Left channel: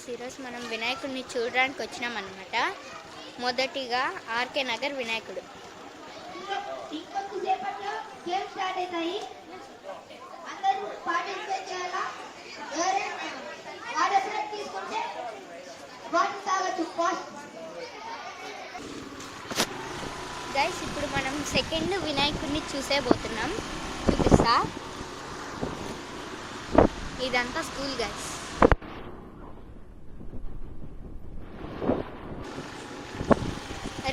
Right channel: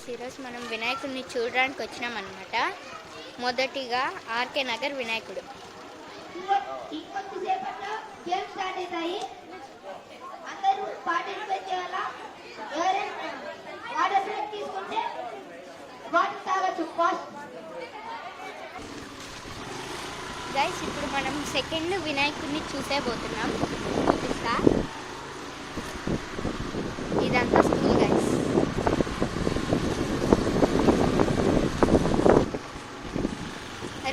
Guys ఈరోజు మనం వినాయకుడిని చూడడానికి వచ్చినాం అన్నమాట. మొదటిగా ఆర్కే నగర్ వినాయకుడు. గైస్ ఇప్పుడు మనం సెకండ్ వినాయకుడిని చూసేపోతున్నాం. చూపిస్తా. ఇదంతా స్కూల్ గైస్.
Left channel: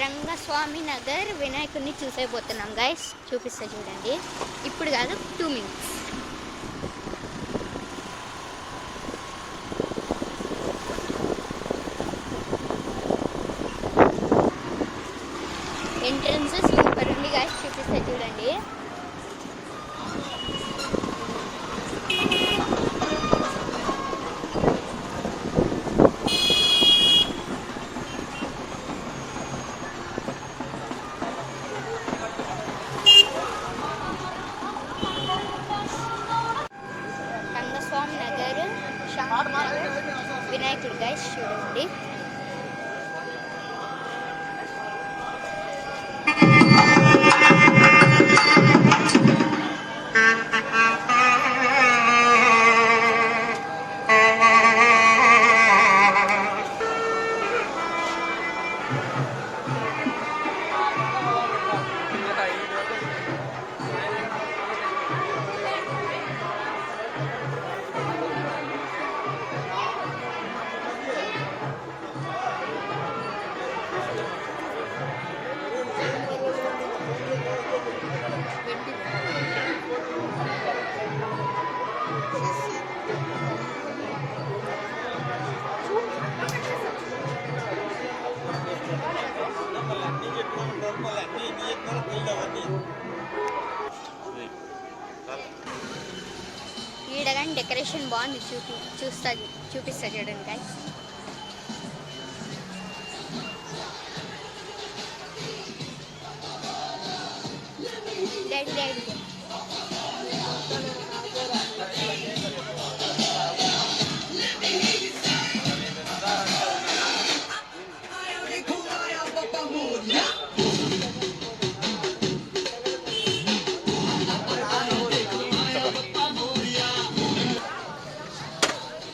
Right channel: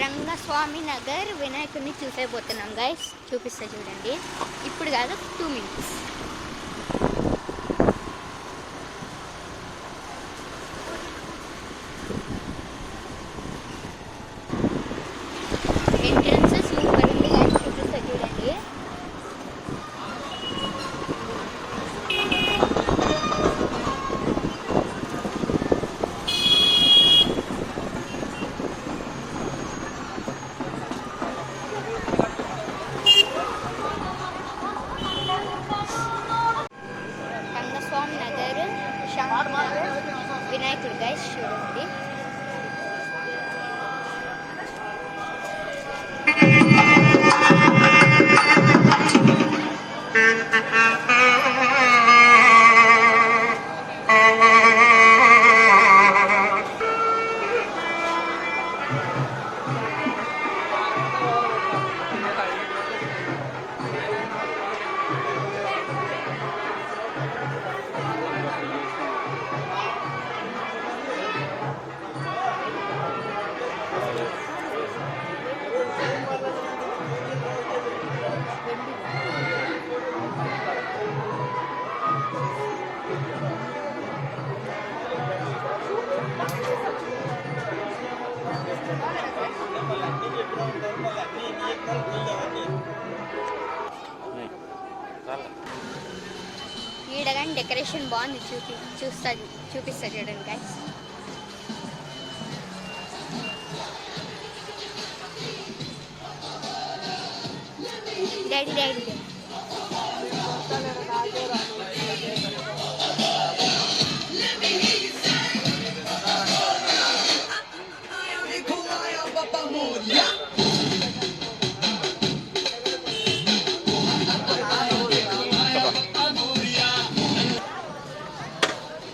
రంగస్వామి నగర్ వినాయకుడిని చూసేపోతున్నాం గైస్. చూపిస్తా చూడండి. ఇప్పుడు కాదు, 2 minutes. ఎంట్రన్స్ సూపర్ ఉంది గైస్. చూపిస్తా చూడండి. రంగస్వామి నగర్, శాంతి నగర్ వినాయకుడు గైస్ చూడండి. ఈడ కానీ డెకరేషన్ బాగుంది. చూపిస్తా చూడండి గైస్.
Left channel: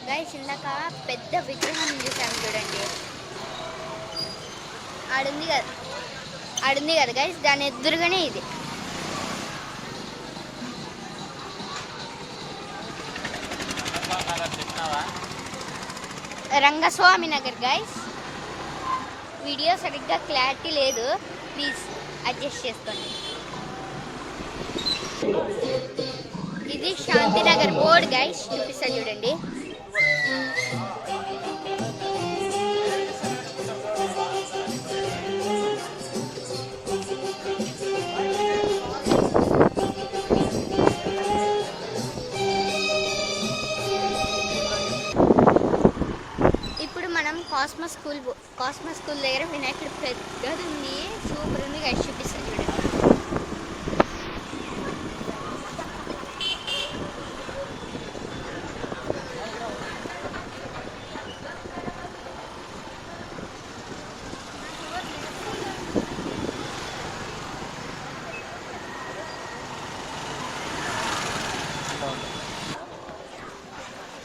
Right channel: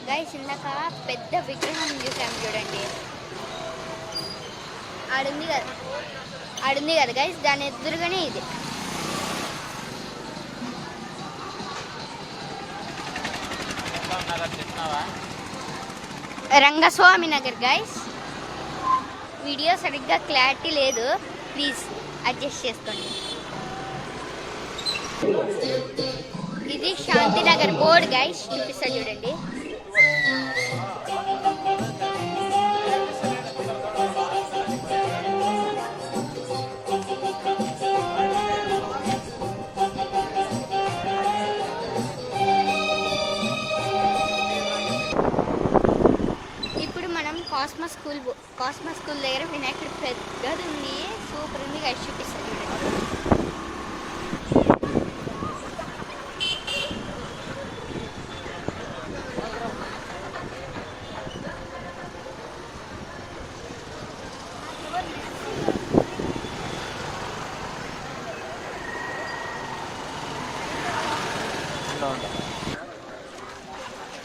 గైస్ ఇందాక పెద్ద విగ్రహం చూసాము చూడండి. ఆడుంది కదా గైస్, దాని ఎదురుగానే ఇది. రంగస్వామి నగర్ గైస్. వీడియో సరిగ్గా క్లారిటీ లేదు, ప్లీజ్ అడ్జస్ట్ చేసుకోండి. ఇది శాంతినగర్ బోర్డ్ గైస్. చూపిస్తా చూడండి. ఇప్పుడు మనం కాస్మస్ స్కూల్ దగ్గర వినాయకుడు పెద్దది ఉంది, సూపర్ ఉంది గైస్. చూపిస్తా చూడండి.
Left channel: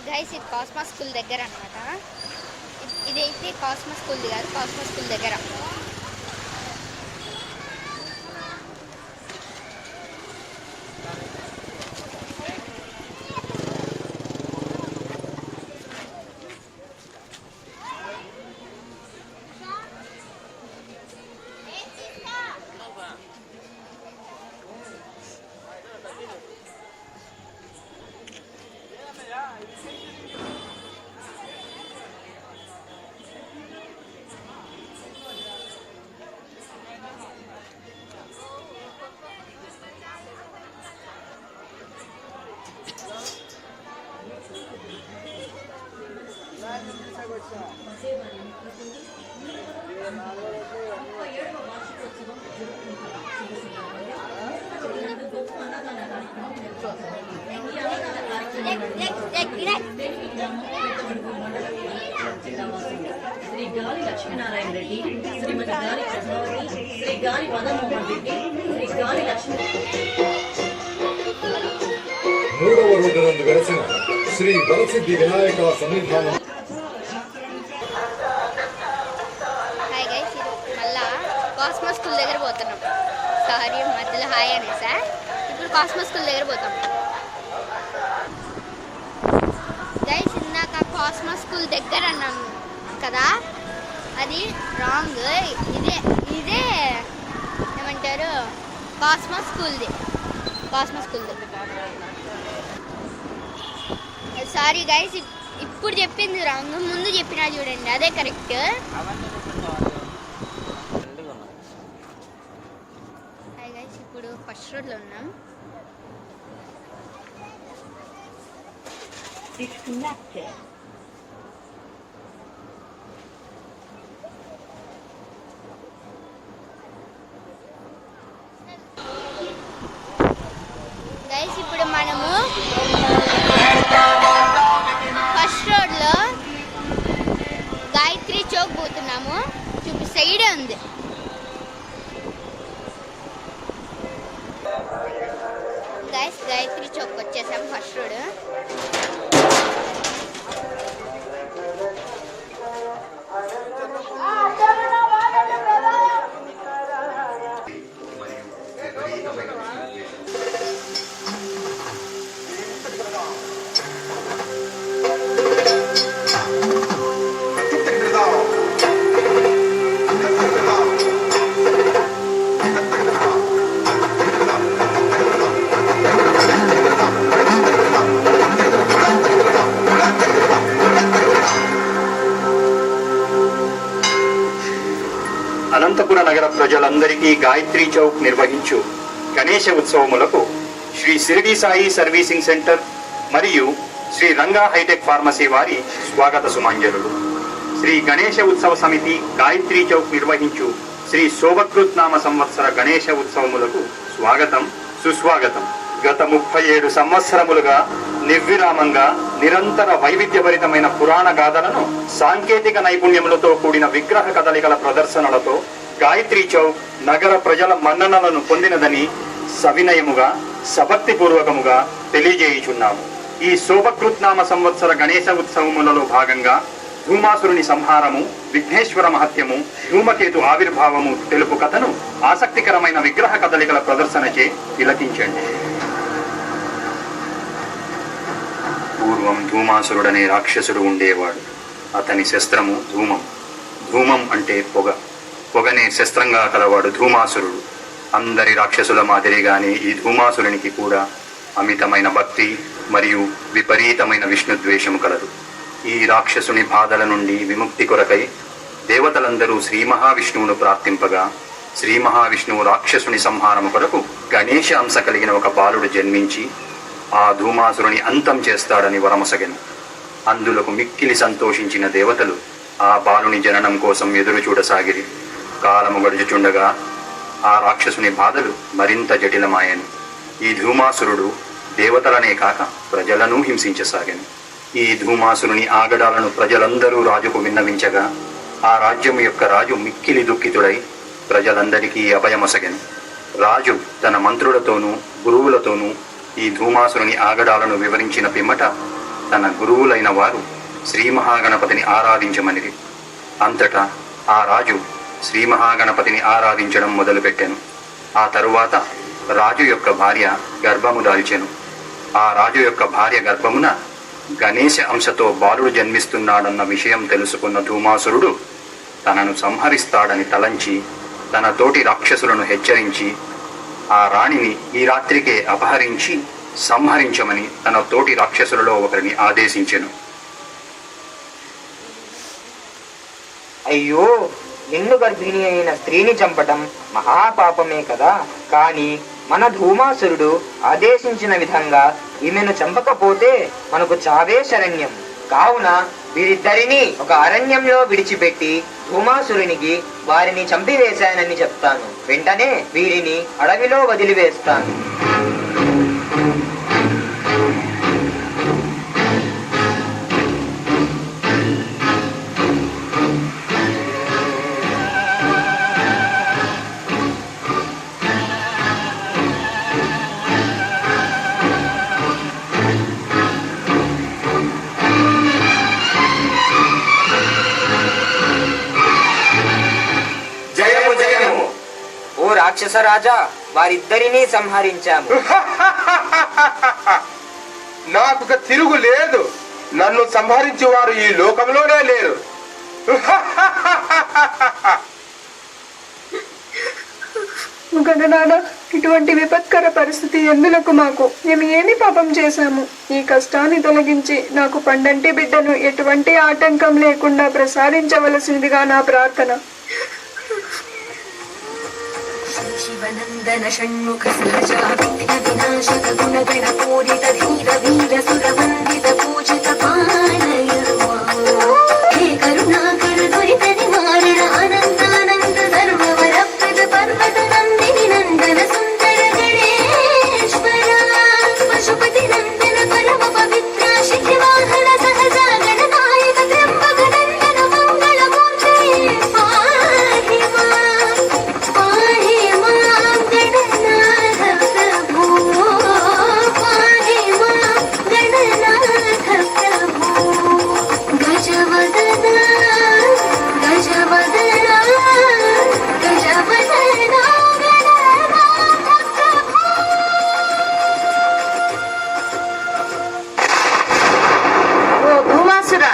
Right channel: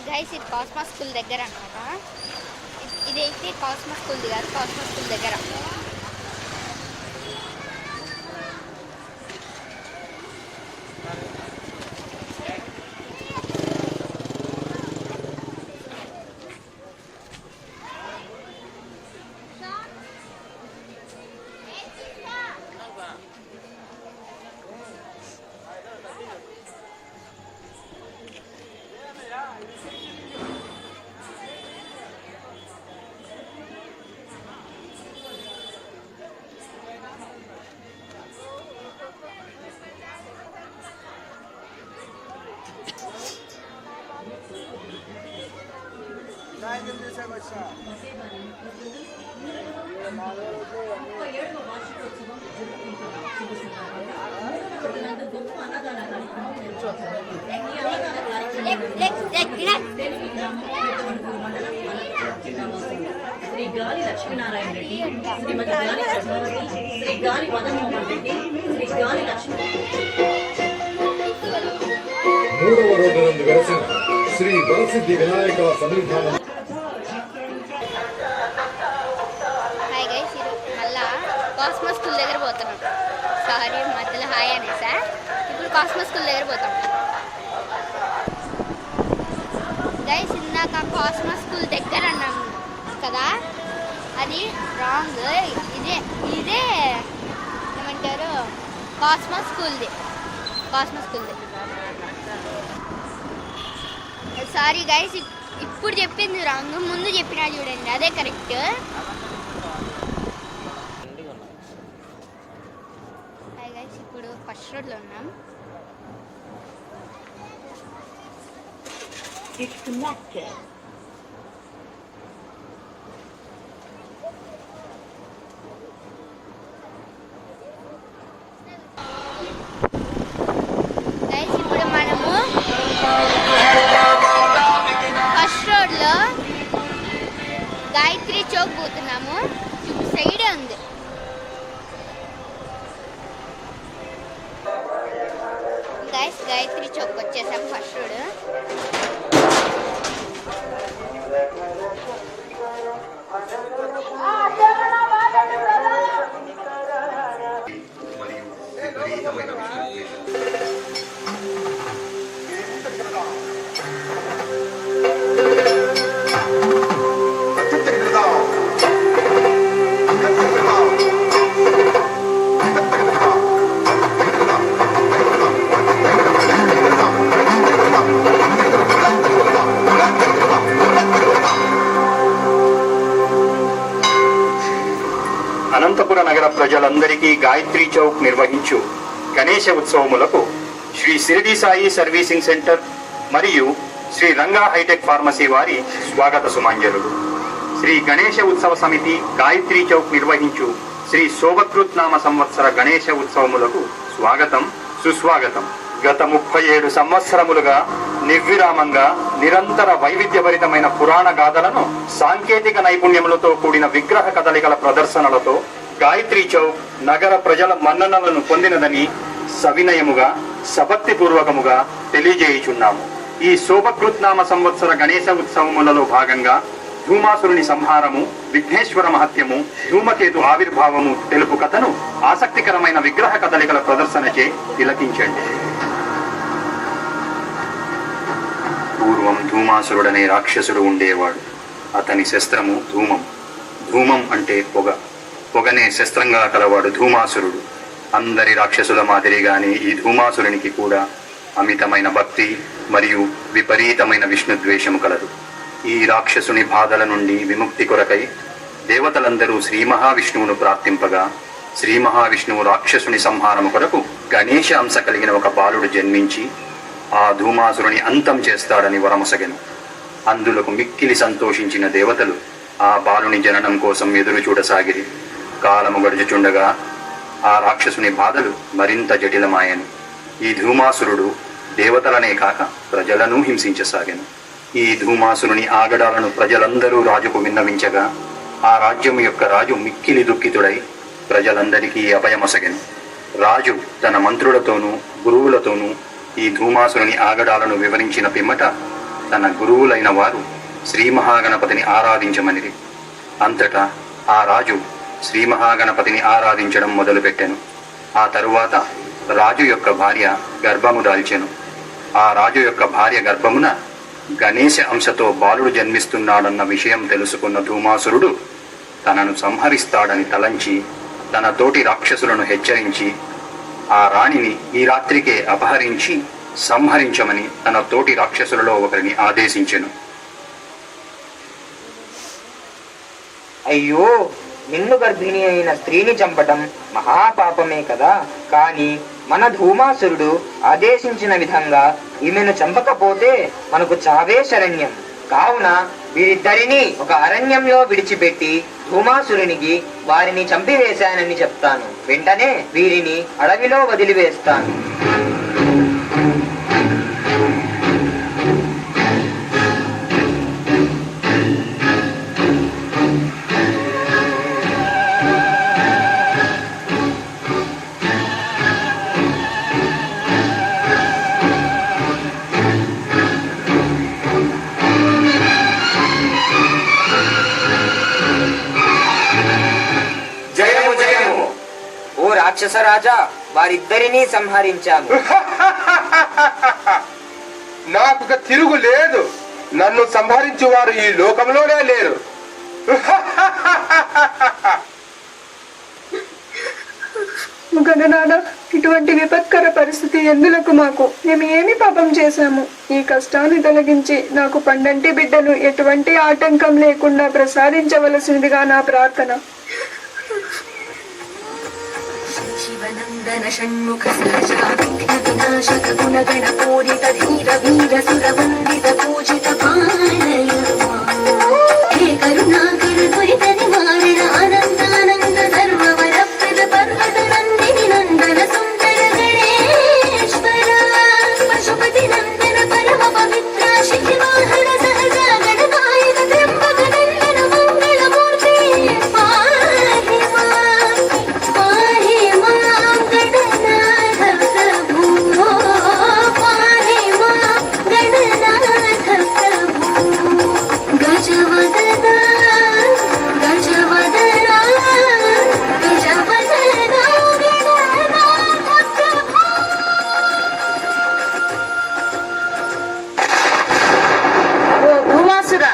గైస్ ఇది కాస్మస్ స్కూల్ దగ్గర అన్నమాట. ఇదైతే కాస్మస్ స్కూల్ కాదు, కాస్మస్ స్కూల్ దగ్గర. శ్రీ గాలి లక్ష్మీనారాయణ రెడ్డి, శ్రీమతి గాలి ప్రభావతి, శ్రీ గాలి మదన్మోహన్ రెడ్డి, శ్రీ గాలి లక్ష్మీ. మూడవ రోజు నందు వెలసిన శ్రీ వరసిద్ధి వినాయక సన్నిధానం. హాయ్ గైస్, మళ్ళా కాస్మోస్ స్కూల్ దగ్గర పోతున్నాం. సారీ మధ్యలో హాయ్ అనేసా. ఇప్పుడు కాస్మోస్ స్కూల్ దగ్గర పోతాం గైస్. ఇందాక కాస్మోస్ స్కూల్ దగ్గర అన్నాము కదా, అది రాంగ్. ఇదే ఏమంటారు, కాస్మోస్ స్కూల్ది. సారీ గైస్, ఇప్పుడు చెప్పింది రాంగ్. ముందు చెప్పినా చూడండి, అదే కరెక్ట్. హాయ్ గైస్, ఇప్పుడు ఫస్ట్ రోడ్లో ఉన్నాం. గైస్, ఇప్పుడు మనము ఫస్ట్ రోడ్లో గాయత్రి చౌక్ పోతున్నాము. సైడ్ ఉంది. గైస్, గాయత్రి చౌక్ వచ్చేసాం. First road. అనంతపుర నగర ప్రజలందరికీ గాయత్రి చౌక్ నిర్వహించు గణేశ ఉత్సవములకు శ్రీ షిరిడి సాయి సర్వీసింగ్ సెంటర్ మరియు శ్రీ రంగా హైటెక్ ఫార్మసీ వారి స్వాగత సుమాంజలుడు. శ్రీ గణేశ ఉత్సవ సమితి గాయత్రి చౌక్ నిర్వహించు శ్రీ శోభకృత్ నామ సంవత్సర గణేశ ఉత్సవములకు స్వాగతం, సుస్వాగతం. గత 37 సంవత్సరములుగా నిర్విరామంగా నిరంతర వైవిధ్యభరితమైన పురాణ గాథలను సాంకేతిక నైపుణ్యములతో కూడిన విగ్రహ కదలికల ప్రదర్శనలతో గాయత్రి చౌక్ నగర ప్రజల మన్ననలను పొందినదని సవినయముగా సభక్తిపూర్వకముగా తెలియజేయుచున్నాము. ఈ శోభకృత్నామ సంవత్సర గణేశ ఉత్సవములలో భాగంగా ధూమాసురుని సంహారము, విఘ్నేశ్వర మహత్యము, ధూమకేతు ఆవిర్భావము తెలుపు కథను ఆసక్తికరమైన విగ్రహ కదలికల ప్రదర్శనచే తిలకించండి. పూర్వం ధూమాసురుడనే రాక్షసుడు ఉండేవాడు. అతని శస్త్రము ధూమం. ధూమం అంటే పొగ. పొగనే శస్త్రంగా కలవాడు ధూమాసురుడు. అందరి రాక్షసుల మాదిరిగానే ఈ ధూమాసురునికి కూడా అమితమైన భక్తి మరియు విపరీతమైన విష్ణుద్వేషము కలదు. ఈ రాక్షసుని బాధల నుండి విముక్తి కొరకై దేవతలందరూ శ్రీ మహావిష్ణువును ప్రార్థింపగా, శ్రీ మహావిష్ణువు రాక్షసుని సంహారము కొరకు గణేశ అంశ కలిగిన ఒక బాలుడు జన్మించి ఆ ధూమాసురుని అంతం చేస్తాడని వరమొసగెను. అందులకు మిక్కిలి సంతోషించిన దేవతలు ఆ బాలుని జననం కోసం ఎదురు చూడసాగిరి. కాలము గడుచుచుండగా ఆ రాక్షసుని బాధలు మరింత జటిలమాయను. ఈ ధూమాసురుడు దేవతలనే కాక ప్రజలను హింసించసాగెను. ఈ ధూమాసురుని ఆగడాలను ప్రజలందరూ రాజుకు విన్నవించగా ఆ రాజ్యము యొక్క రాజు మిక్కిలి దుఃఖితుడై ప్రజలందరికీ అభయమొసగెను. రాజు తన మంత్రులతోనూ గురువులతోనూ ఈ ధూమాసురుని ఆగడాలను వివరించిన పిమ్మట తన గురువులైన వారు శ్రీ మహాగణపతిని ఆరాధించమనిది. అంతటా ఆ రాజు శ్రీ మహాగణపతిని ఆరాధించడం మొదలుపెట్టెను. ఆ తరువాత రాజు యొక్క భార్య గర్భము దాల్చెను. ఆ రాజు యొక్క భార్య గర్భమున గణేశ అంశతో బాలుడు జన్మిస్తున్నాడన్న విషయం తెలుసుకున్న ధూమాసురుడు తనను సంహరిస్తాడని తలంచి తన తోటి రాక్షసులను హెచ్చరించి ఆ రాణిని ఈ రాత్రికే అపహరించి సంహరించమని తన తోటి రాక్షసులలో ఒకరిని ఆదేశించెను. అయ్యో, నిన్ను గర్భిణి అయిన స్త్రీని చంపటం మహాపాపమే కదా. కాని మన ధూమాసురుడు ఆదేశించిన విధంగా ఈమెను చంపకపోతే మనకు చావే శరణ్యం. కావున వీరిద్దరినీ ఒక అరణ్యంలో విడిచిపెట్టి ధూమాసురునికి వారిని చంపివేశానని చెప్తాను. వెంటనే వీరిని అడవిలో వదిలివేస్తాను. జయము జయము. ఓ రాక్షస రాజా, వారిద్దరినీ సంహరించాము. నాకు తిరుగు లేదు. నన్ను సంహరించు వారు ఈ లోకంలోనే లేరు. గణనాథ, ఇటువంటి విపత్కర పరిస్థితి ఎందులకు మాకు? మేము ఏమి పాపం చేశాము? ఈ కష్టాన్ని తొలగించి నాకు పండంటి బిడ్డను ఎటువంటి ఆటంకం లేకుండా ప్రసాదించవలసిందిగా నా ప్రార్థన. శివనందన షణ్ముఖ సహజా వినాశక గుణగణ పూరిత ధీర వీర సురవందిత పూజిత పాలయ హే కరుణాకర దురిత నివారణ అనంతానంద సర్వవరప్రద పర్వత నందిని నందన సుందర గణేశ్వర పశుపతి నందన పరమ పవిత్ర శిఖివాహన సహజా గణనాయక త్ర్యంబక నందన మంగళమూర్తి పాహి మాం గణనాథ ప్రభు పాహి మాం గణనాథ ప్రభు గజవదన గజవదన గజవదన గణనాథ ప్రభు. ఓ భూమాసుర,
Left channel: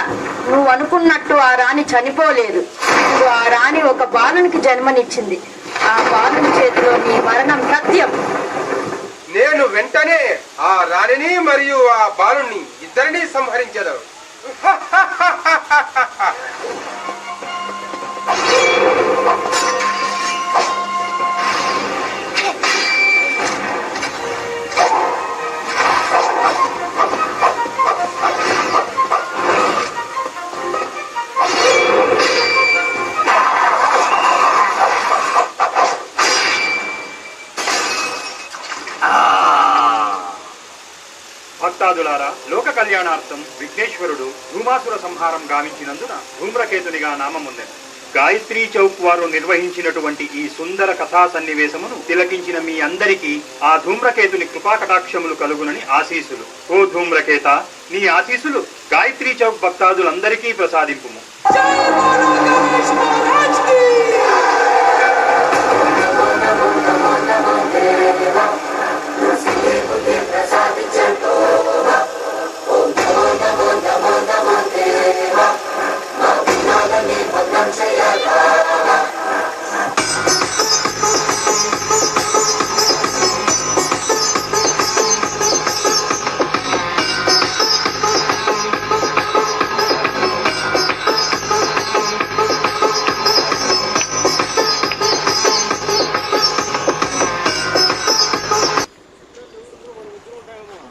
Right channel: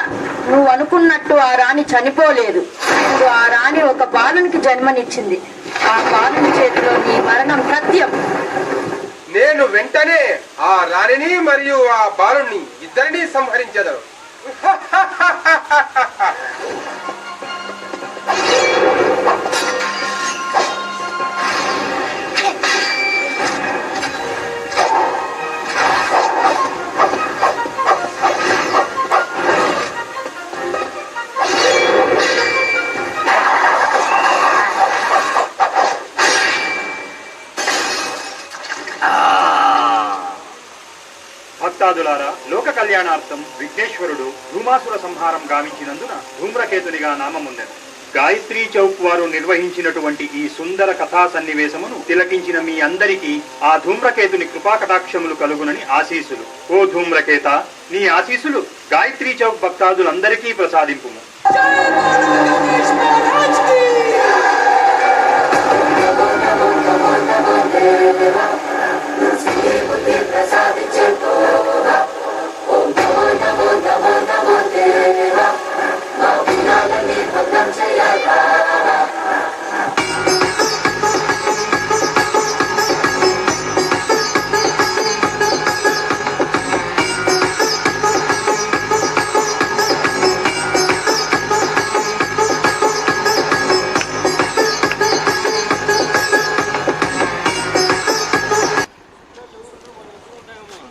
నువ్వు అనుకున్నట్టు ఆ రాణి చనిపోలేదు. ఇప్పుడు ఆ రాణి ఒక బాలునికి జన్మనిచ్చింది. ఆ బాలుని చేతిలో నీ మరణం సత్యం. నేను వెంటనే ఆ రాణిని మరియు ఆ బాలుని ఇద్దరిని సంహరించదు. భక్తాదులారా, లోక కళ్యాణార్థం విఘ్నేశ్వరుడు ధూమాసుర సంహారం గావించినందున ధూమ్రకేతునిగా నామముందెను. గాయత్రీ చౌక్ వారు నిర్వహించినటువంటి ఈ సుందర కథా సన్నివేశమును తిలకించిన మీ అందరికీ ఆ ధూమ్రకేతుని కృపాకటాక్షములు కలుగునని ఆశీసులు. ఓ ధూమ్రకేత, నీ ఆశీసులు గాయత్రీ చౌక్ భక్తాదులందరికీ ప్రసాదింపుము.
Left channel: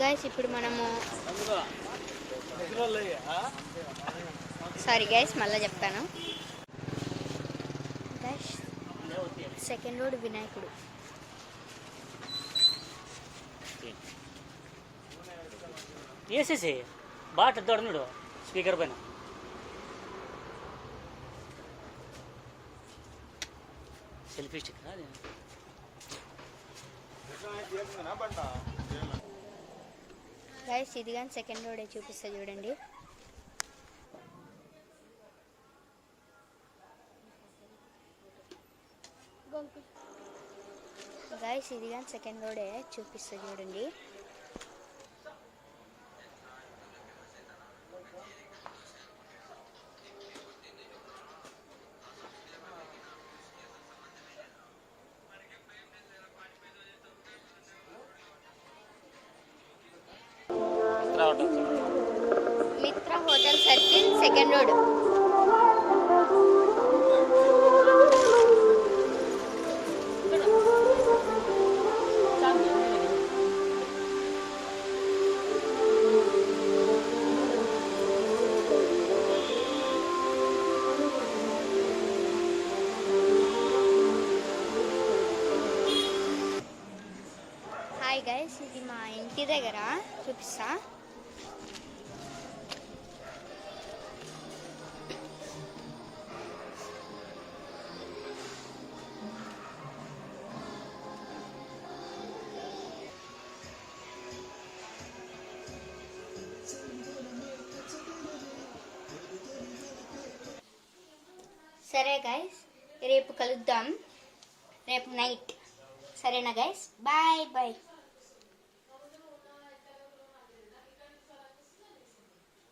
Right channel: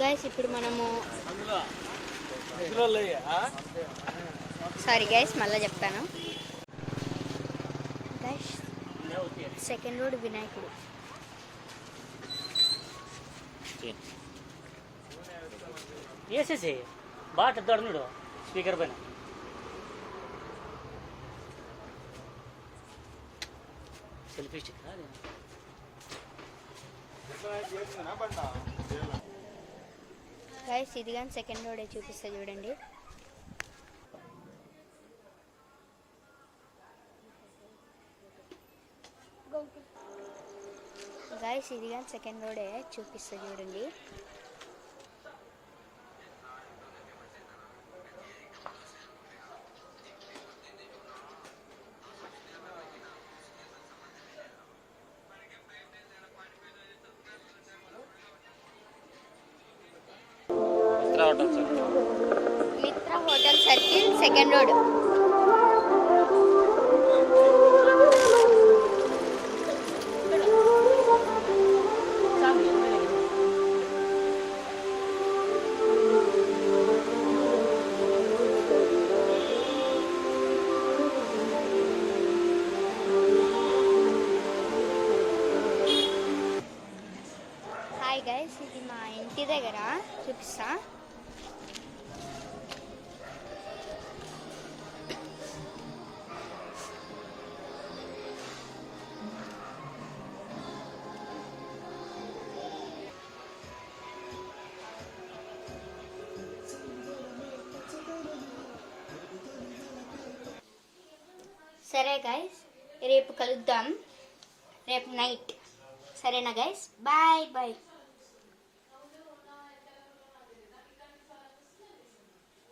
గైస్ ఇప్పుడు మనము సారీ గైస్ మళ్ళీ చెప్తాను. గైస్ సెకండ్ రోడ్ వినాయకుడు. వేసేసి బాట దొడనుడు స్పీకర్ పైన సెల్ఫీ స్టిక్ గైస్ ఇది కానీ సెకండ్ రోడే చూపిస్తా చూడండి. గైస్ ఇది కానీ సెకండ్ రోడే చూపిస్తా చూడండి. మిత్ర hotel circle second road. Hi guys, ఇది మా ఇంటి దగ్గర చూపిస్తా. సరే గైస్, రేపు కలుద్దాం, రేపు నైట్. సరేనా గైస్? Bye bye.